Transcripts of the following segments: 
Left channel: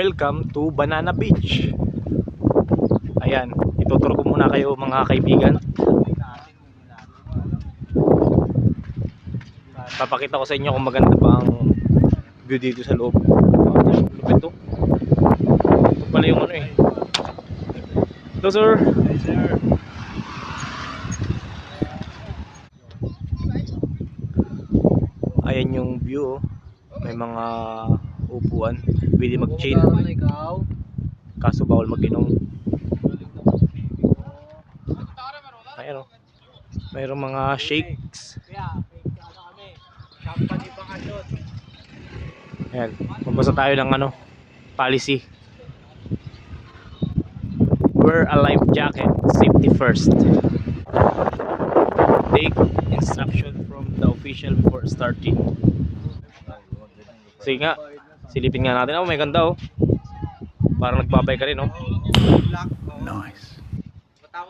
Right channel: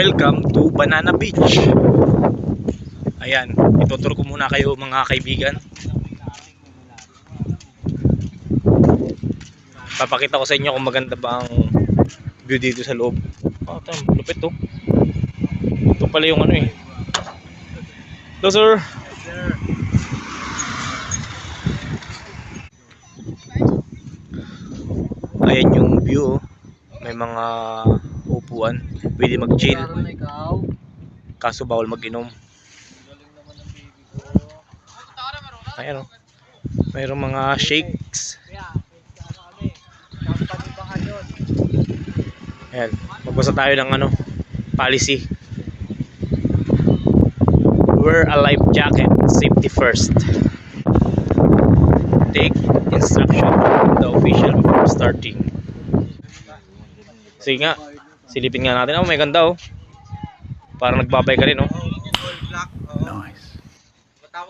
welcome to Banana Beach. Ayan, ituturo ko muna kayo mga kaibigan. Papakita ko sa inyo kung maganda pa ang view dito sa loob. Lupit to. Ito pala yung ano eh. Hello sir. Ayan yung view. May mga upuan. Pwede mag-chill. Kaso bawal mag-inom. Ayan o. Mayroong mga shakes. Ayan. Magbasa tayo ng ano, policy. Wear a life jacket. Safety first. Take instruction from the official before starting. Sige nga. Silipin nga natin. Oh, may ganda oh. Parang nagbabay ka rin oh. Nice.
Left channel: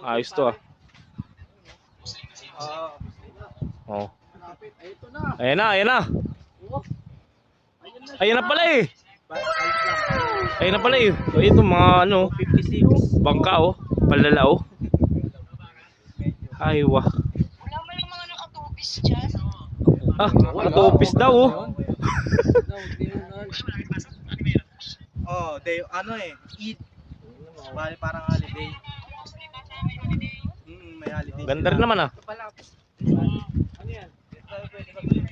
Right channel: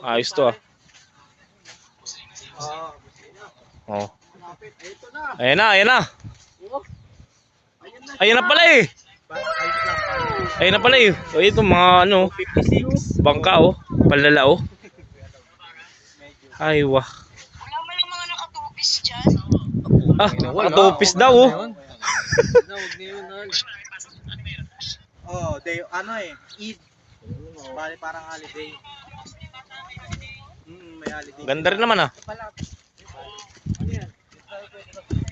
Ayos to ah. Oh. Ayan na, ayan na. Ayan na pala eh. Ayan na pala eh. So ito mga ano, 56 bangka oh, palala oh. Ay wah. Wala mo lang mga nakatupis dyan. Ah, nakatupis daw oh. Oh, day ano eh, Eid. Bali parang holiday. May holiday. Ganda rin naman ah.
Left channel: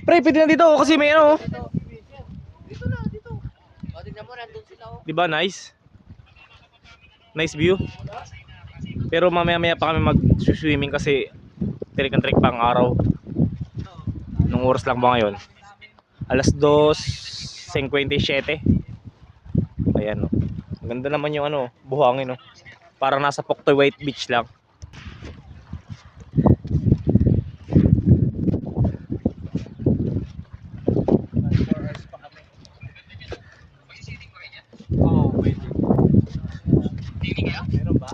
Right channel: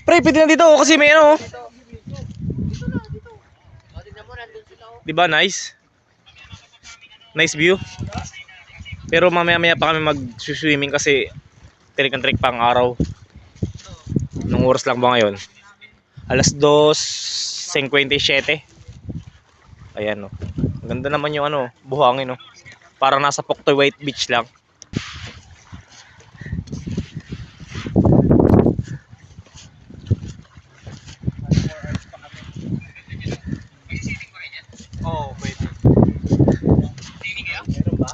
Pre, pwede na dito oh, kasi may ano oh. Dito na, dito. O, tignan mo, nandun sila oh. Diba nice? Nice view. Pero mamaya-maya pa kami mag-swimming kasi trick-and-trick pa ang araw. Nung oras lang ba ngayon? Alas 2:57. Ayan oh. Ganda naman yung ano, buhangin oh. Parang nasa Puktoy White Beach lang. Oh, wait.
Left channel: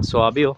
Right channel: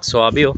Suwabe oh.